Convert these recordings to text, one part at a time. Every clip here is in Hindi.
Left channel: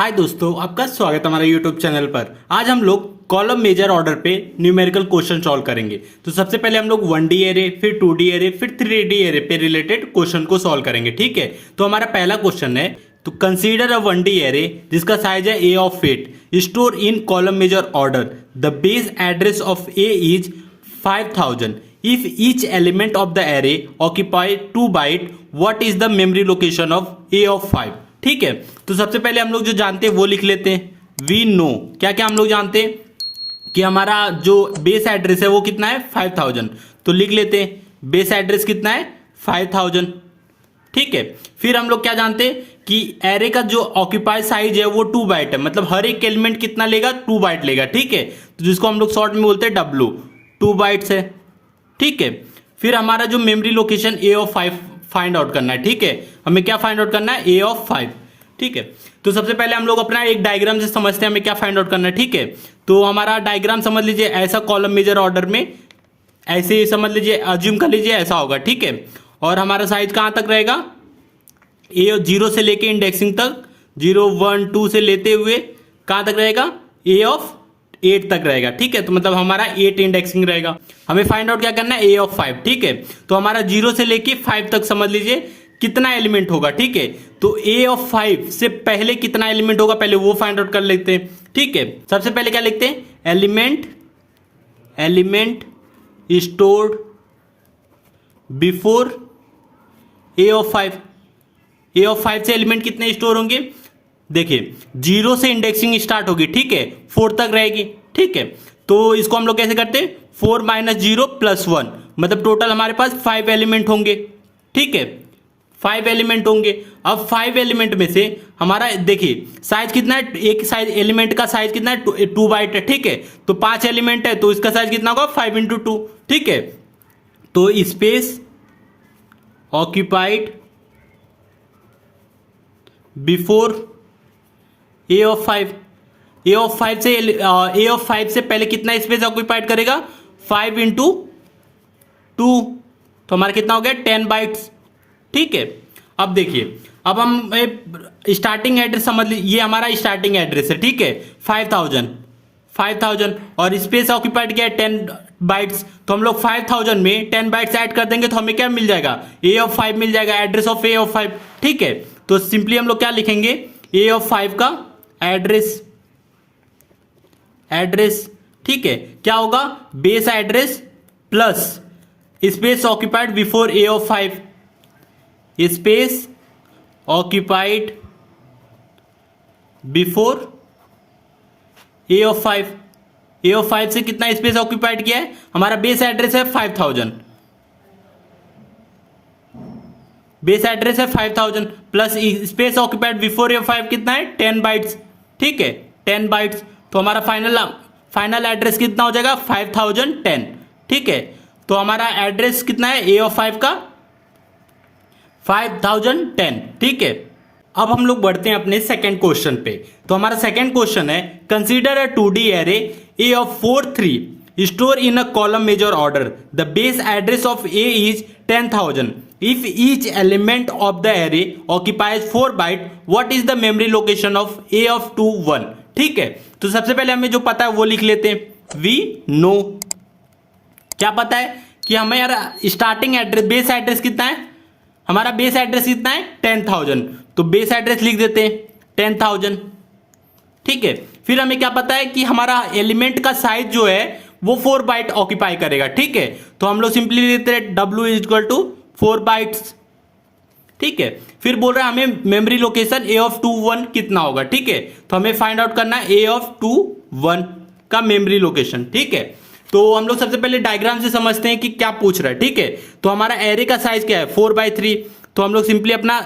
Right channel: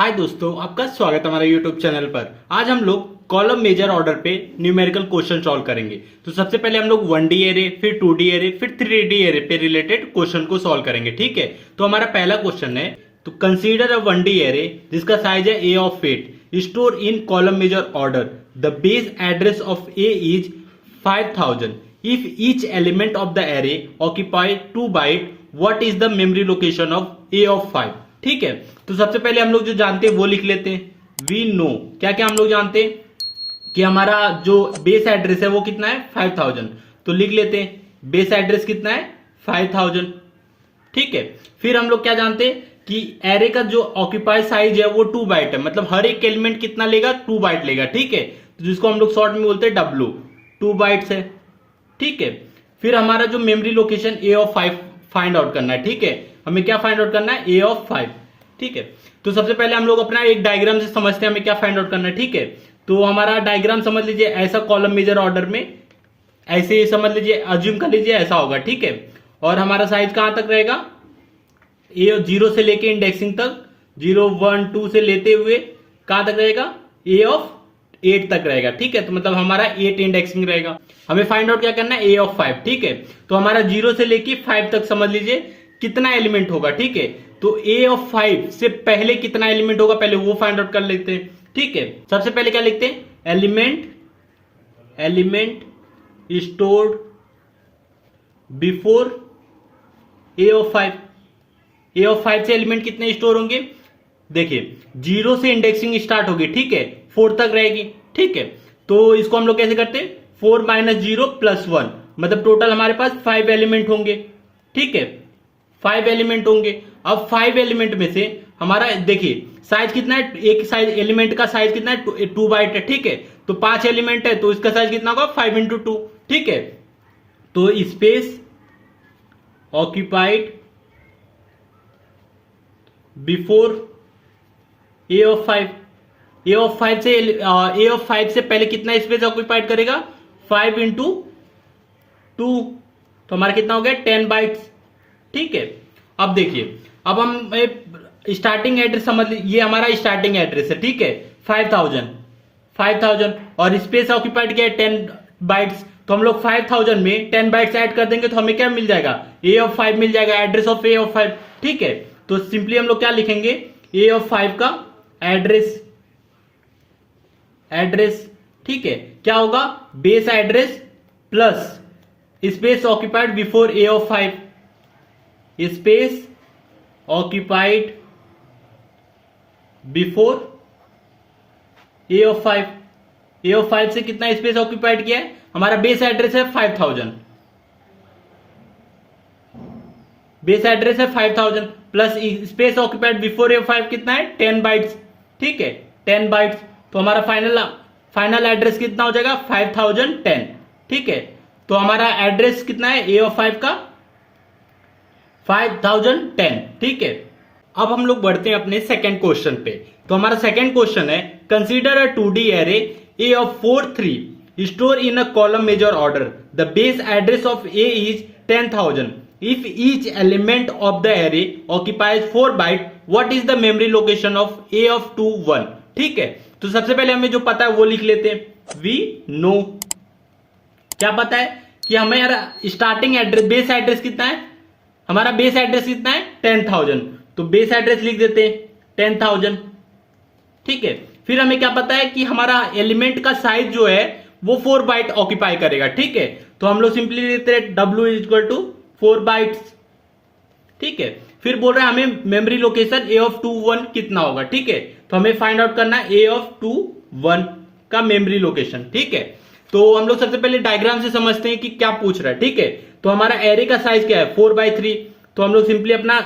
हाय दोस्तों, आपका स्वागत है हमारे यूट्यूब चैनल पर। आज हम लोग कॉलम मेजर ऑर्डर पे न्यूमेरिकल क्वेश्चन सॉल्व करेंगे। तो सबसे पहले हम लोग 1D एरे, फिर 2D एरे, फिर 3D एरे पे रिलेटेड क्वेश्चन को सॉल्व करेंगे। ठीक है, तो हमारा पहला क्वेश्चन है, तो कंसीडर अ 1D एरे जिसका साइज है a of 8 store in column major order. The base address of a is 5000 if each element of the array occupy 2 byte, what is the memory location of a of 5। ठीक है, तो सबसे पहले हम लोग जो जानते हैं वो लिख लेते हैं। वी नो, क्या क्या हम लोग जानते हैं कि हमारा जो बेस एड्रेस है वो कितना है 5000। तो लिख लेते हैं बेस एड्रेस कितना है 5000। ठीक है, फिर हम लोग क्या जानते हैं कि एरे का जो ऑक्यूपाई साइज है वो 2 बाइट है, मतलब हर एक एलिमेंट कितना लेगा 2 बाइट लेगा। ठीक है, तो जिसको हम लोग शॉर्ट में बोलते हैं W, 2 बाइट्स है। ठीक है, फिर हमारा जो memory location a of 5 find out करना है। ठीक है, हमें क्या फाइंड आउट करना है a ऑफ 5। ठीक है, तो सबसे पहले हम लोग अपना एक डायग्राम से समझते हैं हमें क्या फाइंड आउट करना है। ठीक है, तो हमारा डायग्राम समझ लीजिए ऐसा कॉलम मेजर ऑर्डर में ऐसे ही समझ लीजिए, अज्यूम कर लीजिए ऐसा होगा। ठीक है, और हमारा साइज कहां तक रहेगा, ए 0 से लेके इंडेक्सिंग तक, 0 1 2 से लेते हुए कहां तक रहेगा a ऑफ 8 तक रहेगा। ठीक है, तो मतलब हमारा 8 इंडेक्सिंग रहेगा। हमें फाइंड आउट क्या करना है a ऑफ 5। ठीक है, तो हमारा 0 से लेके 5 तक समझ लीजिए कितना एलिमेंट होगा। ठीक है, तो a ऑफ 5 से पहले कितना एलिमेंट होगा पहले वो फाइंड आउट कर लेते हैं। ठीक है, सबसे पहले क्या लिखते हैं, element stored before a of 5। a of 5 से एलिमेंट कितने स्टोर होंगे, देखिए 0 से इंडेक्सिंग स्टार्ट होगी। ठीक है, 4 तक रहेगी। ठीक है, तो इसको हम लोग कैसे करते हैं, 4 - 0 + 1, मतलब टोटल हमारे पास 5 एलिमेंट होंगे। ठीक है, 5 एलिमेंट होंगे। अब 5 एलिमेंट में से हमारा देखिए साइज कितना है, एक साइज एलिमेंट का साइज कितना है 2 बाइट है। ठीक है, तो 5 एलिमेंट है तो इसका साइज कितना होगा 5 × 2। ठीक है, तो space occupied before a of 5, a of 5 से पहले कितना स्पेस ऑक्यूपाइड करेगा 5 × 2, तो हमारा कितना हो गया 10 बाइट्स। ठीक है, अब देखिए, अब हम स्टार्टिंग एड्रेस समझ लीजिए, ये हमारा स्टार्टिंग एड्रेस है। ठीक है, 5000 और स्पेस ऑक्यूपाइड किया है 10 बाइट्स, तो हम लोग 5000 में 10 बाइट्स ऐड कर देंगे तो हमें क्या मिल जाएगा a ऑफ 5 मिल जाएगा, एड्रेस ऑफ a ऑफ 5। ठीक है, तो सिंपली हम लोग क्या लिखेंगे, a ऑफ 5 का एड्रेस। ठीक है, क्या होगा, base address plus space occupied before a of 5, space occupied before a of 5। a of 5 से कितना स्पेस ऑक्यूपाइड किया है, हमारा बेस एड्रेस है 5000, बेस एड्रेस है 5000 plus space occupied before a of 5 कितना है 10 बाइट्स। ठीक है, 10 बाइट्स, तो हमारा फाइनल एड्रेस कितना हो जाएगा 5010। ठीक है, तो हमारा एड्रेस कितना है a ऑफ 5 का 5010। ठीक है, अब हम लोग बढ़ते हैं अपने सेकंड क्वेश्चन पे। तो हमारा सेकंड क्वेश्चन है, consider a 2D array a of 4 3 store in a column major order. The base address of a is 10000 if each element of the array occupies 4 byte, what is the memory location of a of 2 1। ठीक है, तो सबसे पहले हमें जो पता है वो लिख लेते हैं। वी नो, क्या पता है कि हमें यार स्टार्टिंग एड्रेस बेस एड्रेस कितना है, हमारा बेस एड्रेस कितना है 10000, तो बेस एड्रेस लिख देते हैं 10000। ठीक है, फिर हमें क्या पता है कि हमारा एलिमेंट का साइज जो है वो 4 बाइट ऑक्यूपाई करेगा। ठीक है, तो हम लोग सिंपली लिखते हैं W = 4 बाइट्स। ठीक है, फिर बोल रहे हैं हमें मेमोरी लोकेशन a ऑफ 2 1 कितना होगा। ठीक है, तो हमें फाइंड आउट करना है a ऑफ 2 1 का मेमोरी लोकेशन। ठीक है, तो हम लोग सबसे पहले डायग्राम से समझते हैं कि क्या पूछ रहा है। ठीक है, तो हमारा एरे का साइज क्या है 4/3, तो हम लोग सिंपली अपना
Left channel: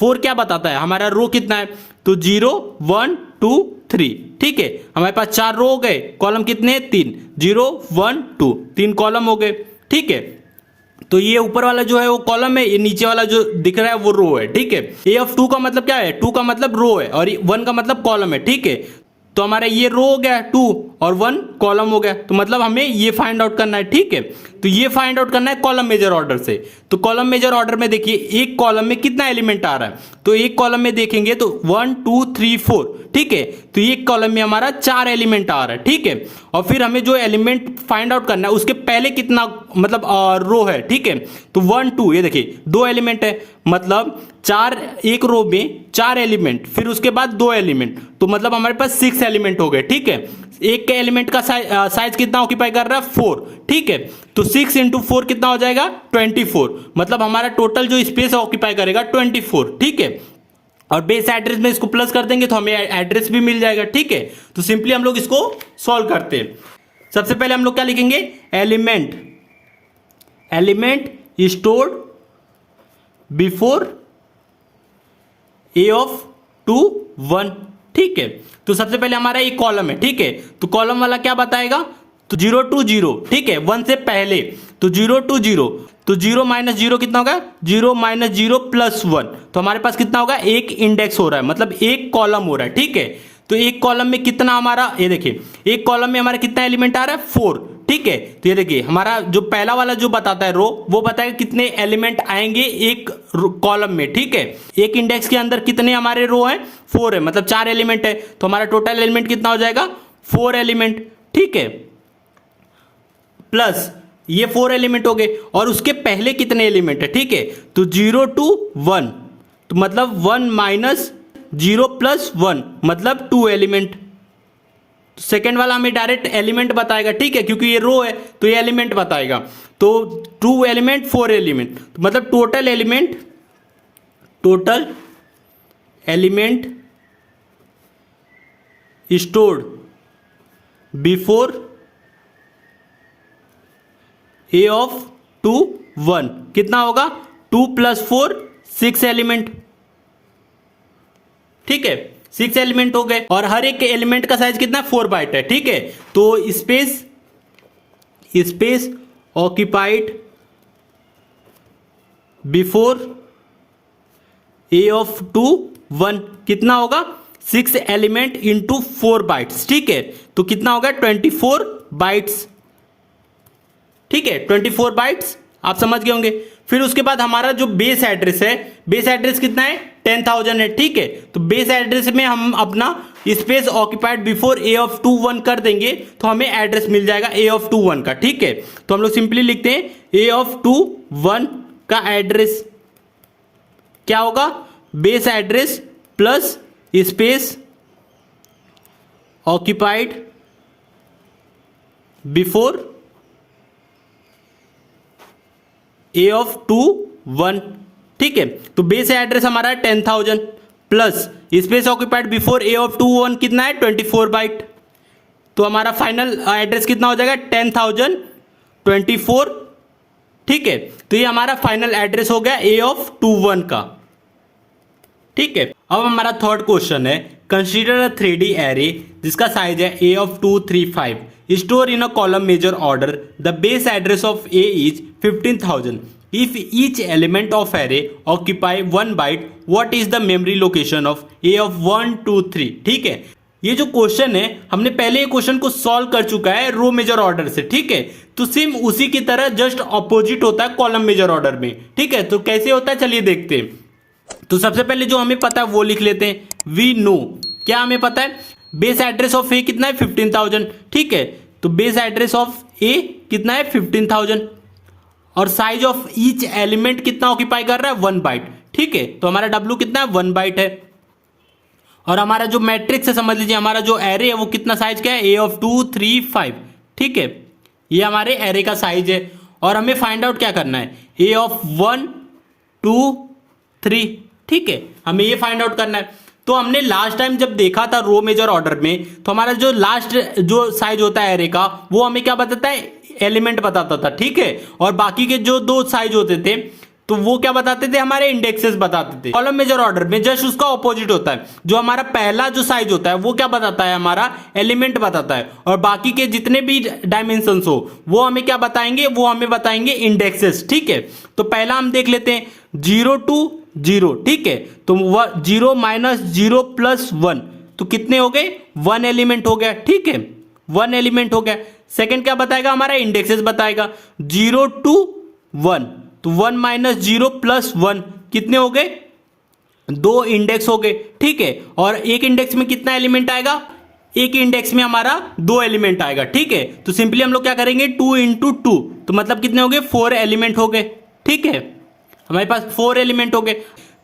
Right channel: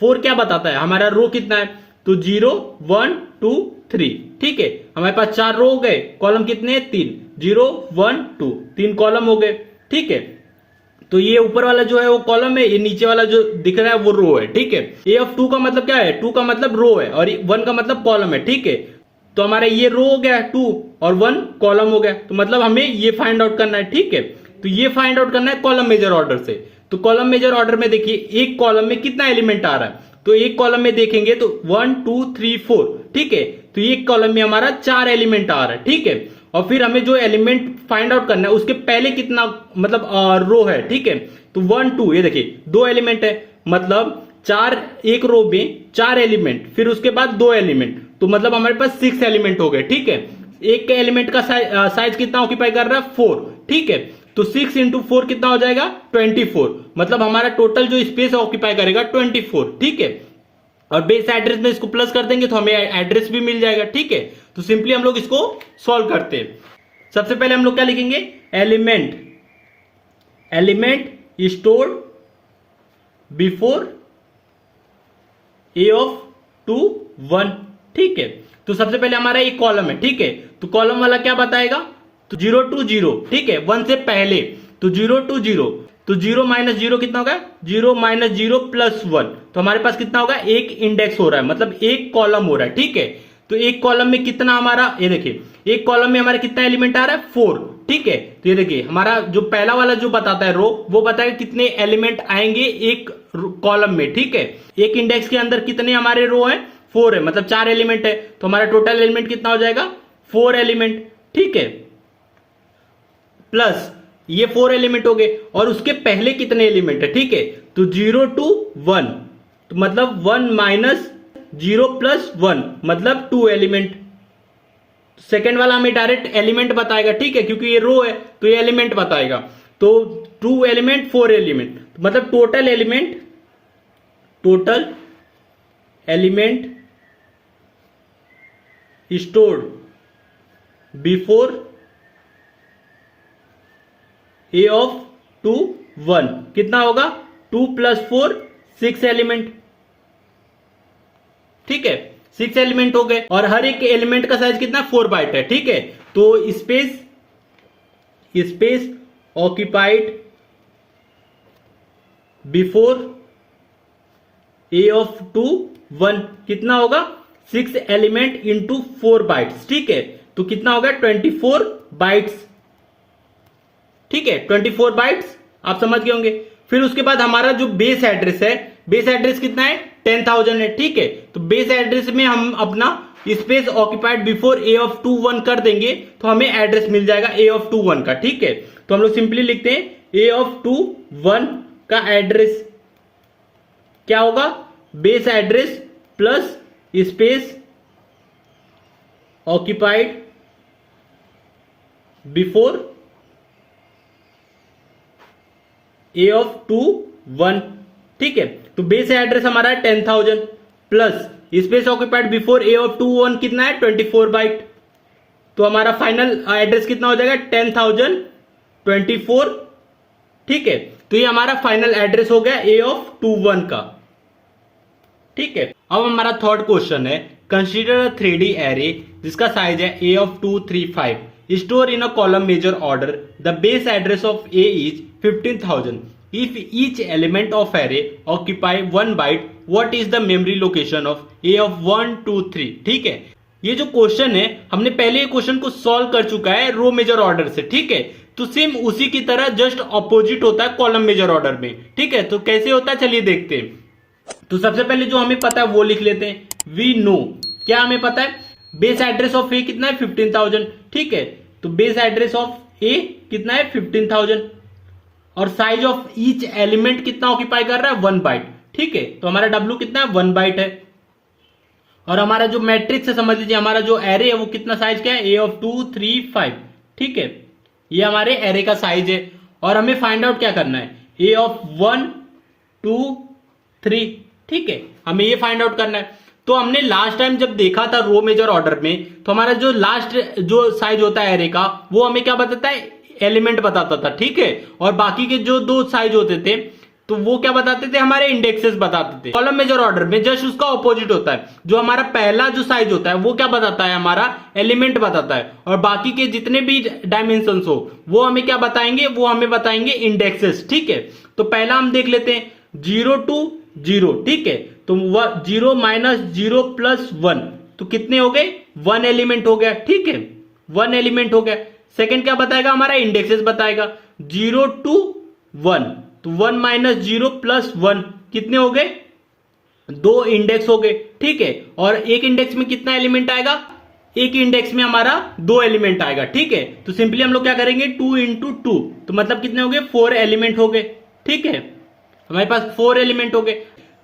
4 क्या बताता है, हमारा रो कितना है, तो 0 1 2 3। ठीक है, हमारे पास 4 रो हो गए, कॉलम कितने हैं 3, 0 1 2, 3 कॉलम हो गए। ठीक है, तो ये ऊपर वाला जो है वो कॉलम है, ये नीचे वाला जो दिख रहा है वो रो है। ठीक है, a ऑफ 2 का मतलब क्या है, 2 का मतलब रो है और 1 का मतलब कॉलम है। ठीक है, तो हमारा ये रो हो गया 2 और 1 कॉलम हो गया, तो मतलब हमें ये फाइंड आउट करना है। ठीक है, तो ये फाइंड आउट करना है कॉलम मेजर ऑर्डर से। तो कॉलम मेजर ऑर्डर में देखिए एक कॉलम में कितना एलिमेंट आ रहा है, तो एक कॉलम में देखेंगे तो 1 2 3 4, ठीक है। तो एक कॉलम में हमारा 4 एलिमेंट आ रहा है, ठीक है। और फिर हमें जो एलिमेंट फाइंड आउट करना है उसके पहले कितना मतलब रो है, ठीक है। तो 1 2, ये देखिए 2 एलिमेंट है, मतलब 4, एक रो में 4 एलिमेंट, फिर उसके बाद 2 एलिमेंट, तो मतलब हमारे पास 6 एलिमेंट हो गए, ठीक है। एक के एलिमेंट का साइज कितना ऑक्यूपाई कर रहा है 4, ठीक है। तो 6 इंटू 4 कितना हो जाएगा 24, मतलब हमारा टोटल जो स्पेस ऑक्यूपाई करेगा 24, ठीक है। और बेस एड्रेस में इसको प्लस कर देंगे तो हमें एड्रेस भी मिल जाएगा, ठीक है। तो सिंपली हम लोग इसको सॉल्व करते हैं। सबसे पहले हम लोग क्या लिखेंगे, element stored before A of 2 1, ठीक है। तो सबसे पहले हमारा एक कॉलम है, ठीक है। तो कॉलम वाला क्या बताएगा, तो 0 2 0, ठीक है, 1 से पहले, तो 0 2 0, तो 0 माइनस 0 कितना होगा 0 माइनस 0 प्लस 1, तो हमारे पास कितना होगा एक इंडेक्स हो रहा है, मतलब एक कॉलम हो रहा है, ठीक है। तो एक कॉलम में कितना हमारा, ये देखिए एक कॉलम में हमारा कितना एलिमेंट आ रहा है 4, ठीक है। तो ये देखिए हमारा जो पहला वाला जो बताता है रो, वो बताएगा कितने एलिमेंट आएंगे एक कॉलम में, ठीक है। एक इंडेक्स के अंदर कितने हमारे रो है 4 है, मतलब 4 एलिमेंट है, तो हमारा टोटल एलिमेंट कितना हो जाएगा 4 एलिमेंट, ठीक है। प्लस ये 4 एलिमेंट हो गए, और उसके पहले कितने एलिमेंट है, ठीक है। तो 0 2 1, तो मतलब 1 माइनस 0 प्लस 1, मतलब 2 एलिमेंट। सेकेंड वाला हमें डायरेक्ट एलिमेंट बताएगा, ठीक है, क्योंकि ये रो है तो ये एलिमेंट बताएगा। तो 2 एलिमेंट 4 एलिमेंट, मतलब total element stored before A of 2 1 कितना होगा 2 प्लस 4 6 एलिमेंट, ठीक है। 6 एलिमेंट हो गए, और हर एक एलिमेंट का साइज कितना 4 बाइट है, ठीक है। तो space occupied before A of 2 1 कितना होगा 6 एलिमेंट इंटू 4 बाइट्स, ठीक है। तो कितना होगा 24 बाइट्स, ठीक है, 24 बाइट्स, आप समझ गए होंगे। फिर उसके बाद हमारा जो बेस एड्रेस है, बेस एड्रेस कितना है 10,000 है, ठीक है। तो बेस एड्रेस में हम अपना space occupied before A of 2 1 कर देंगे तो हमें एड्रेस मिल जाएगा ए ऑफ 2 1 का, ठीक है। तो हम लोग सिंपली लिखते हैं ए ऑफ 2 1 का एड्रेस क्या होगा, base address plus space occupied before A of 2 1, ठीक है। तो बेस एड्रेस हमारा है 10,000 plus space occupied before A of 2 1 कितना है 24 बाइट, तो हमारा फाइनल एड्रेस कितना हो जाएगा 10,024, ठीक है। तो ये हमारा फाइनल एड्रेस हो गया ए ऑफ 2 1 का, ठीक है। अब हमारा थर्ड क्वेश्चन है, कंसीडर अ 3D एरे जिसका साइज है A of 2 3 5, store in a column major order, the base address of A is 15,000, if each element of array occupy 1 byte, what is the memory location of a of 1 2 3, ठीक है। ये जो क्वेश्चन है हमने पहले क्वेश्चन को सॉल्व कर चुका है रो मेजर ऑर्डर से, ठीक है। तो सेम उसी की तरह जस्ट ऑपोजिट होता है कॉलम मेजर ऑर्डर में, ठीक है। तो कैसे होता है चलिए देखते हैं। तो सबसे पहले जो हमें पता है वो लिख लेते हैं, वी नो, क्या हमें पता है बेस एड्रेस ऑफ ए कितना है 15,000, ठीक है। तो बेस एड्रेस ऑफ ए कितना है 15,000, और साइज ऑफ ईच एलिमेंट कितना ऑक्यूपाई कर रहा है 1 बाइट, ठीक है। तो हमारा W कितना है 1 बाइट है, और हमारा जो मैट्रिक्स है समझ लीजिए हमारा जो एरे है वो कितना साइज क्या है ए ऑफ 2 3 5, ठीक है। ये हमारे एरे का साइज है, और हमें फाइंड आउट क्या करना है ए ऑफ 1 2 3, ठीक है, हमें ये फाइंड आउट करना है। तो हमने लास्ट टाइम जब देखा था रो मेजर ऑर्डर में, तो हमारा जो लास्ट जो साइज होता है एरे का वो हमें क्या बताता है एलिमेंट बताता था, ठीक है। और बाकी के जो 2 साइज होते थे तो वो क्या बताते थे हमारे इंडेक्सेस बताते थे। कॉलम मेजर ऑर्डर में जस्ट उसका ऑपोजिट होता है, जो हमारा पहला जो साइज होता है वो क्या बताता है हमारा एलिमेंट बताता है, और बाकी के जितने भी डायमेंशंस हो वो हमें क्या बताएंगे, वो हमें बताएंगे इंडेक्सेस, ठीक है। तो पहला हम देख लेते हैं 0 2 0, ठीक है। तो 0 माइनस 0 प्लस 1, तो कितने हो गए 1 एलिमेंट हो गया, ठीक है, 1 एलिमेंट हो गया। सेकंड क्या बताएगा, हमारा इंडेक्सेस बताएगा 0 to 1, तो 1 माइनस 0 प्लस 1 कितने हो गए, 2 इंडेक्स हो गए, ठीक है। और एक इंडेक्स में कितना एलिमेंट आएगा, एक इंडेक्स में हमारा 2 एलिमेंट आएगा, ठीक है। तो सिंपली हम लोग क्या करेंगे 2 इंटू 2, तो मतलब कितने हो गए 4 एलिमेंट हो गए, ठीक है। हमारे पास 4 एलिमेंट हो गए।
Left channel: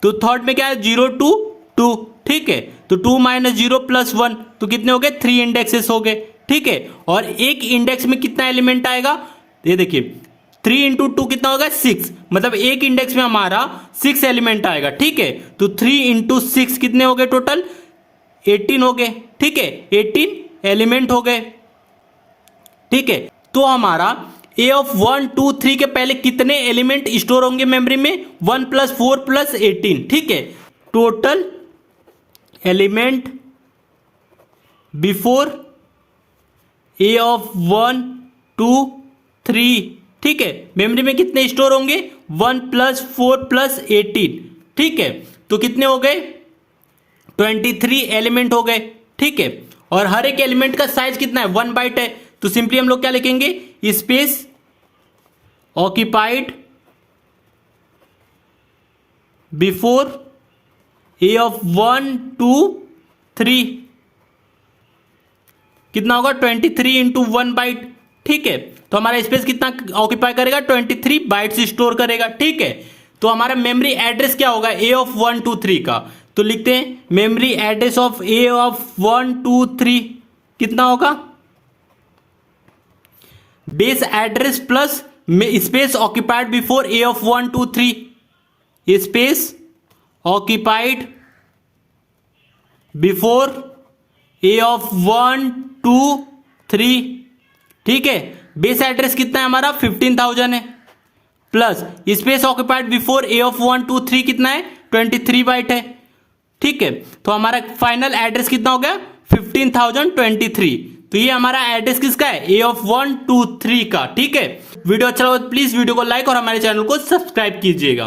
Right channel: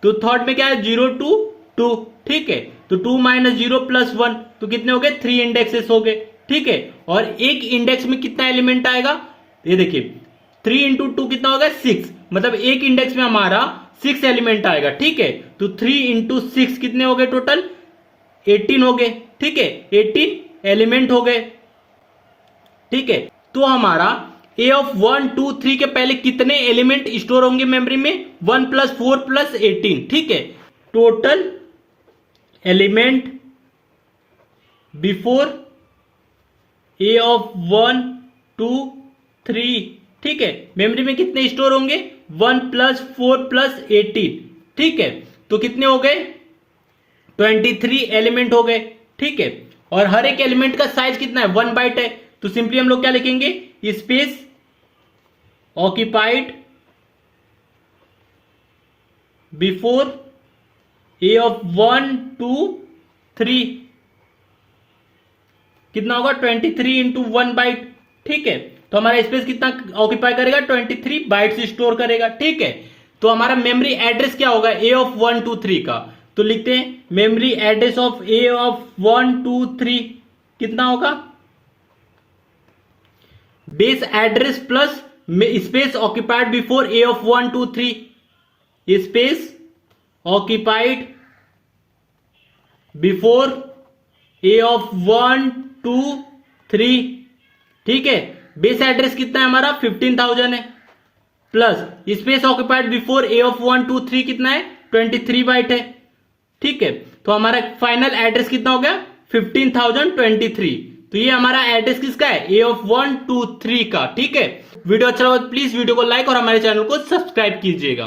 तो थर्ड में क्या है 0 to 2, ठीक है। तो 2 माइनस 0 प्लस 1 तो कितने हो गए 3 इंडेक्सेस हो गए, ठीक है। और एक इंडेक्स में कितना एलिमेंट आएगा, ये देखिए 3 इंटू 2 कितना होगा 6, मतलब एक इंडेक्स में हमारा 6 एलिमेंट आएगा, ठीक है। तो 3 इंटू 6 कितने हो गए टोटल 18 हो गए, ठीक है। 18 एलिमेंट हो गए, ठीक है। तो हमारा ए ऑफ 1 2 3 के पहले कितने एलिमेंट स्टोर होंगे मेमोरी में, 1 प्लस 4 प्लस 18, ठीक है। Total element before A of 1 2 3, ठीक है। मेमोरी में कितने स्टोर होंगे 1 प्लस 4 प्लस 18, ठीक है। तो कितने हो गए 23 एलिमेंट हो गए, ठीक है। और हर एक एलिमेंट का साइज कितना है 1 बाइट है, तो सिंपली हम लोग क्या लिखेंगे, space occupied before A of 1 2 3 कितना होगा 23 इंटू 1 बाइट, ठीक है। तो हमारा स्पेस कितना ऑक्यूपाई करेगा 23 बाइट्स स्टोर करेगा, ठीक है। तो हमारा मेमोरी एड्रेस क्या होगा ए ऑफ 1 2 3 का, तो लिखते हैं memory address of A of 1 2 3 कितना होगा, base address plus space occupied before A of 1 2 3, space occupied before A of 1 2 3, ठीक है। बेस एड्रेस कितना है हमारा 15,000 है, plus space occupied before A of 1 2 3 कितना है 23 बाइट है, ठीक है। तो हमारा फाइनल एड्रेस कितना हो गया 15,023। तो ये हमारा एड्रेस किसका है ए ऑफ 1 2 3 का, ठीक है। वीडियो अच्छा हो तो प्लीज वीडियो को लाइक और हमारे चैनल को सब्सक्राइब कीजिएगा।